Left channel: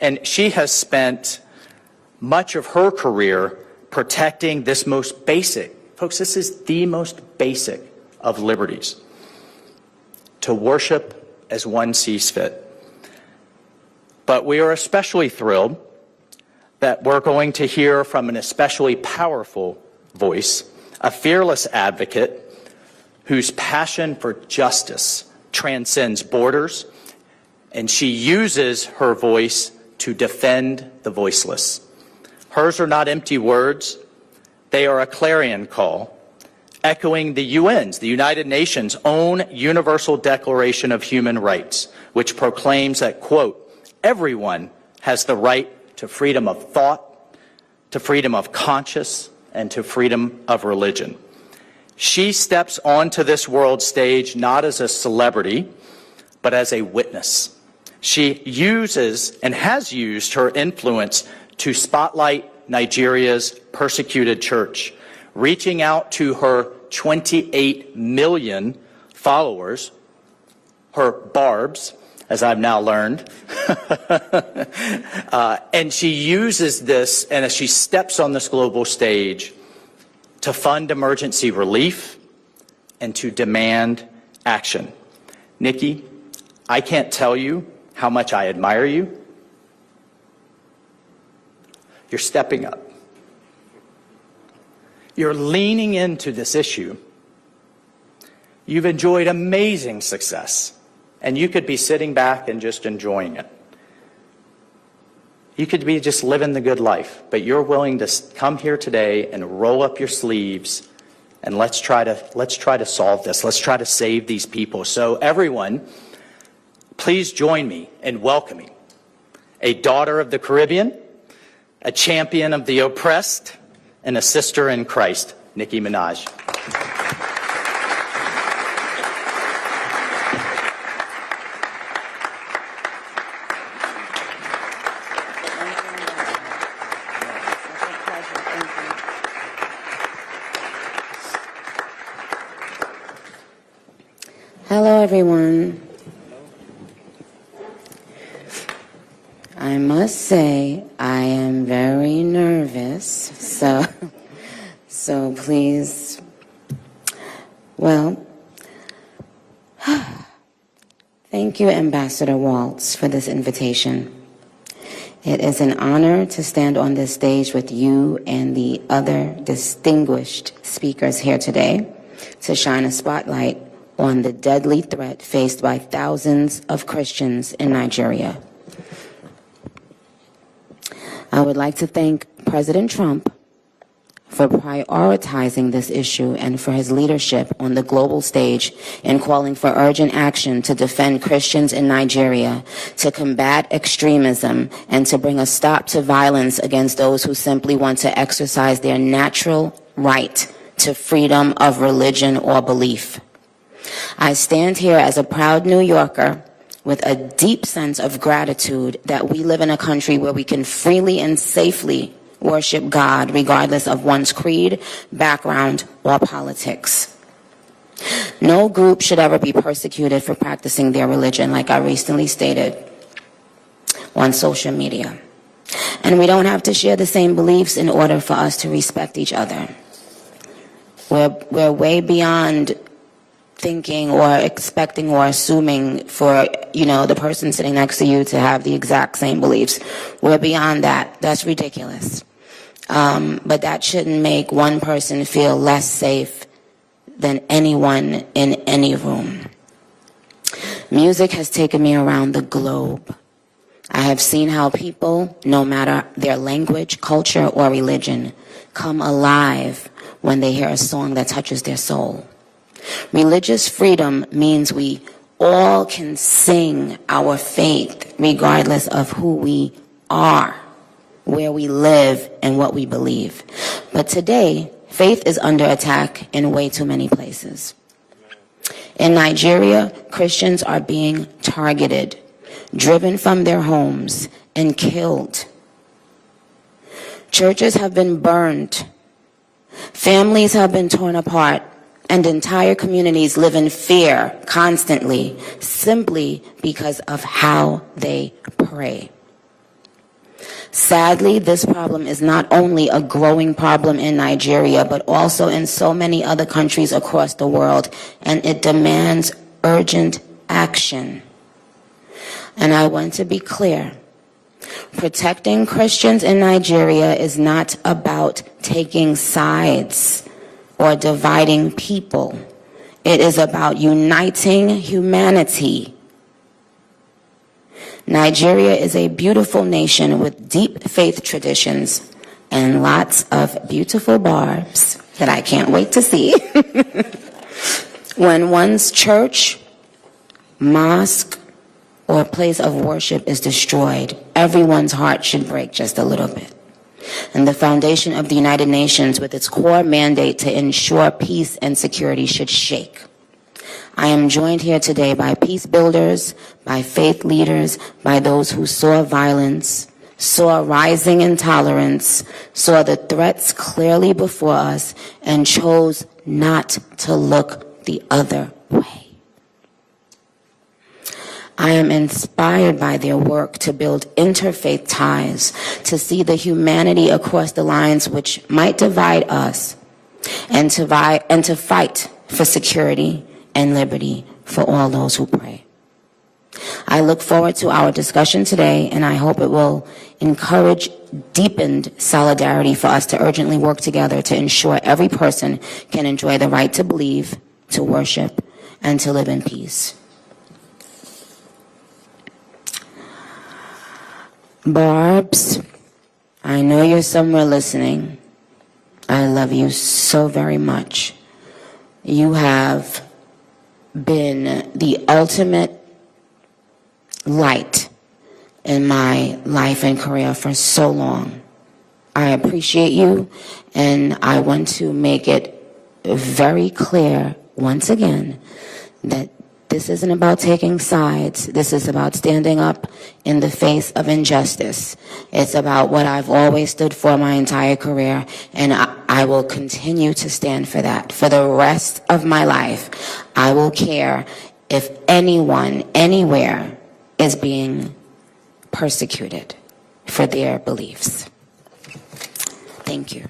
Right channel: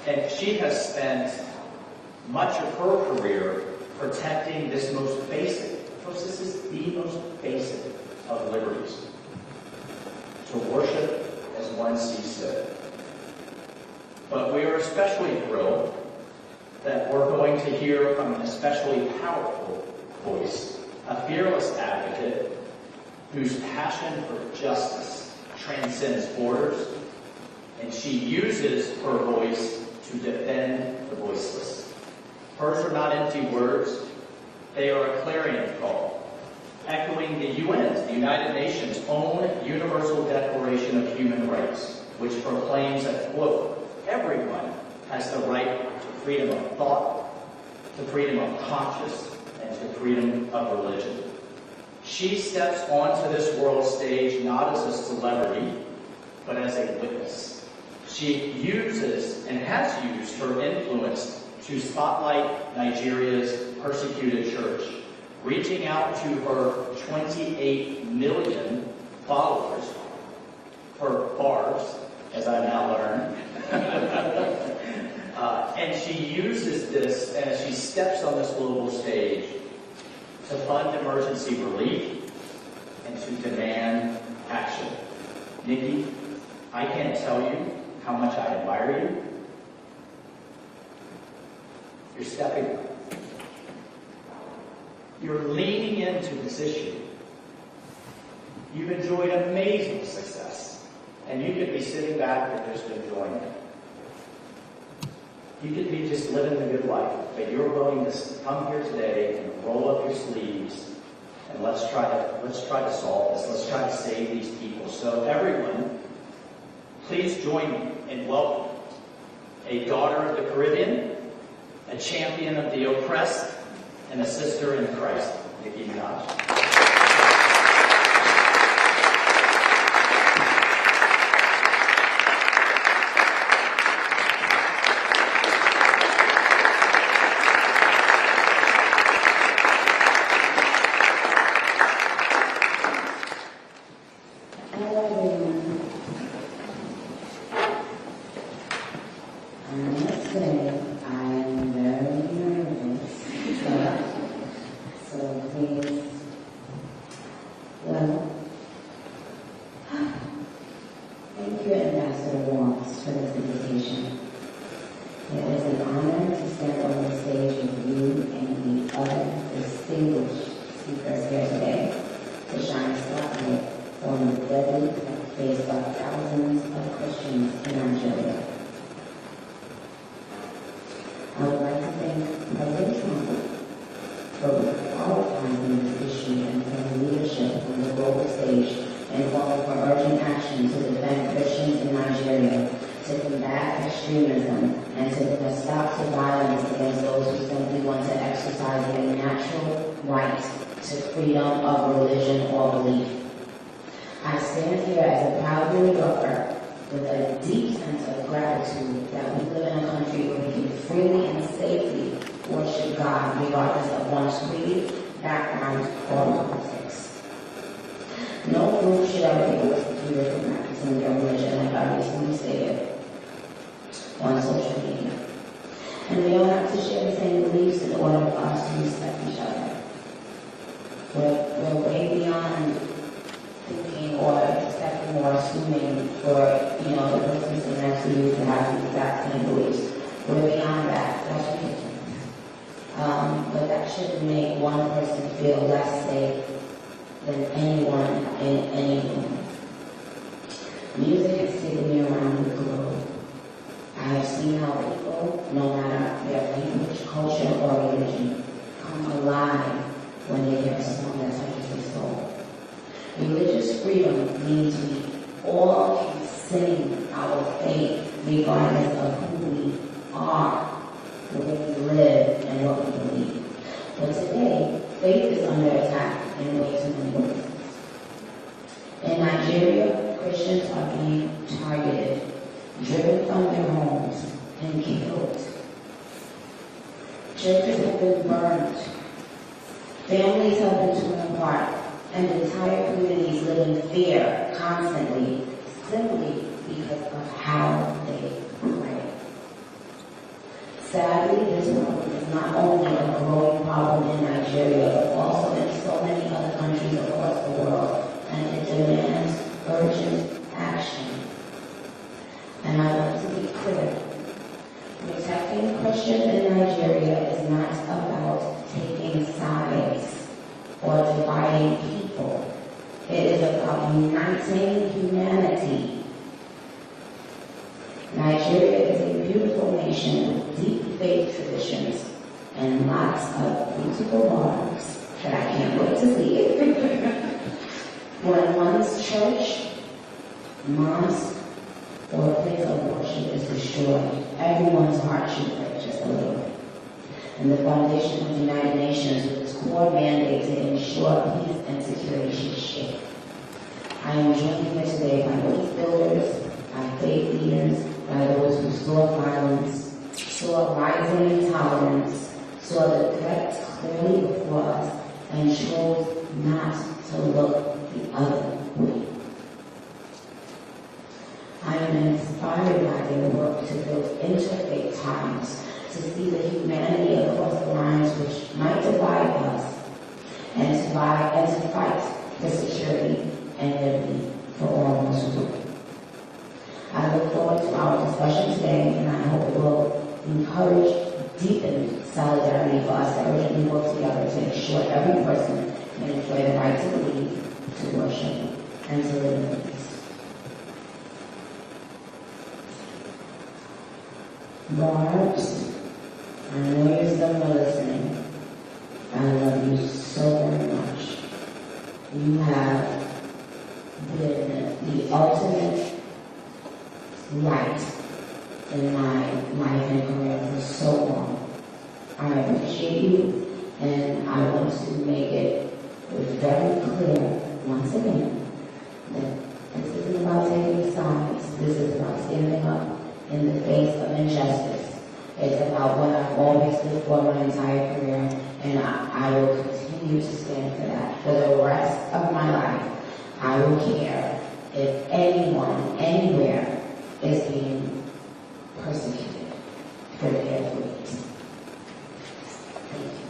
And she has spent much of her career protecting this most basic, folks, this is the most basic of liberties, to worship as one sees fit. But we are especially thrilled that we're going to hear from an especially powerful voice, a fearless advocate whose passion for justice transcends borders, and she uses her voice to defend the voiceless. Hers are not empty words, they are a clarion call, echoing the UN's, the United Nations' own Universal Declaration of Human Rights, which proclaims that, quote, everyone has the right to freedom of thought, to freedom of conscience, and to freedom of religion. She steps onto this world stage not as a celebrity, but as a witness. She uses and has used her influence to spotlight Nigeria's persecuted church, reaching out to her 28 million followers, her barbs, as I've now learned. And she uses this, and as she steps on this global stage, to fund emergency relief and to demand action. Nicki, I can't tell you how much I admire you. You're stepping up. You're leaning into this issue. You've enjoyed amazing success, and you could be sitting back and just enjoying it. You could be just living the good life, but you're willing to come here today and roll up your sleeves, and let's try to solve this. Let's try to save these people. So everyone, please join me in welcoming a daughter of the Caribbean, a champion of the oppressed, and a sister in Christ, Nicki Minaj. Hello, everyone. I must say I am very nervous, so please, well, thank you, Ambassador Waltz, for this invitation. It is an honor to stand on this stage with you and the other distinguished speakers here today to shine a spotlight on the deadly threat faced by thousands of Christians in Nigeria. I would like to thank President Trump for prioritizing this issue and for his leadership on the global stage in calling for urgent action to defend Christians in Nigeria, to combat extremism, and to bring a stop to violence against those who simply want to exercise their natural right to freedom of religion or belief. I stand here as a proud New Yorker with a deep sense of gratitude that we live in a country where we can freely and safely worship God regardless of one's creed, background, or politics. No group should ever be persecuted for practicing their religion, like I recently stated on social media. And we don't have to share the same beliefs in order for us to respect each other. We're way beyond thinking or expecting or assuming for, the person sitting next to you to have the exact same beliefs. We're beyond that. That's ridiculous. But that shouldn't make one person feel less safe than anyone in any room. Music has taken me around the globe. I have seen how people, no matter their language, culture, or religion, come alive when they hear a song that touches their soul. Religious freedom means we all can sing our faith regardless of who we are, where we live, and what we believe. But today, faith is under attack in way too many places. In Nigeria, Christians are being targeted, driven from their homes, and killed. Churches have been burned. Families have been torn apart. And entire communities live in fear constantly, simply because of how they pray. Sadly, this problem is not only a growing problem in Nigeria, but also in so many other countries across the world, and it demands urgent action. And I want to be clear. Protecting Christians in Nigeria is not about taking sides or dividing people. It is about uniting humanity. Nigeria is a beautiful nation with deep faith traditions and lots of beautiful barbs that I can't wait to see. When one's church, mosque, or place of worship is destroyed, everyone's heart should break just a little bit. And the foundation of the United Nations, with its core mandate to ensure peace and security, should shake. I am joined here today by peace builders, by faith leaders, by those who saw violence, saw rising intolerance, saw the threats clearly before us, and chose not to look the other way. I am inspired by their work to build interfaith ties, to see the humanity across the lines which might divide us, and to fight for security and liberty for all those who pray. I look forward to our discussion today, and I hope it will encourage deepened solidarity for us to urgently work together to ensure every person can enjoy the right to believe, to worship, and to live in peace. Barbs, I know you're somewhere listening. I love you so very much. You have been the ultimate light in my life and career for so long. I appreciate you, and I want to make it very clear once again that this isn't about taking sides. This is about standing up in the face of injustice. It's about what I've always stood for my entire career, and I will continue to stand for that. For the rest of my life, I will care if anyone, anywhere, is being persecuted for their beliefs. Thank you.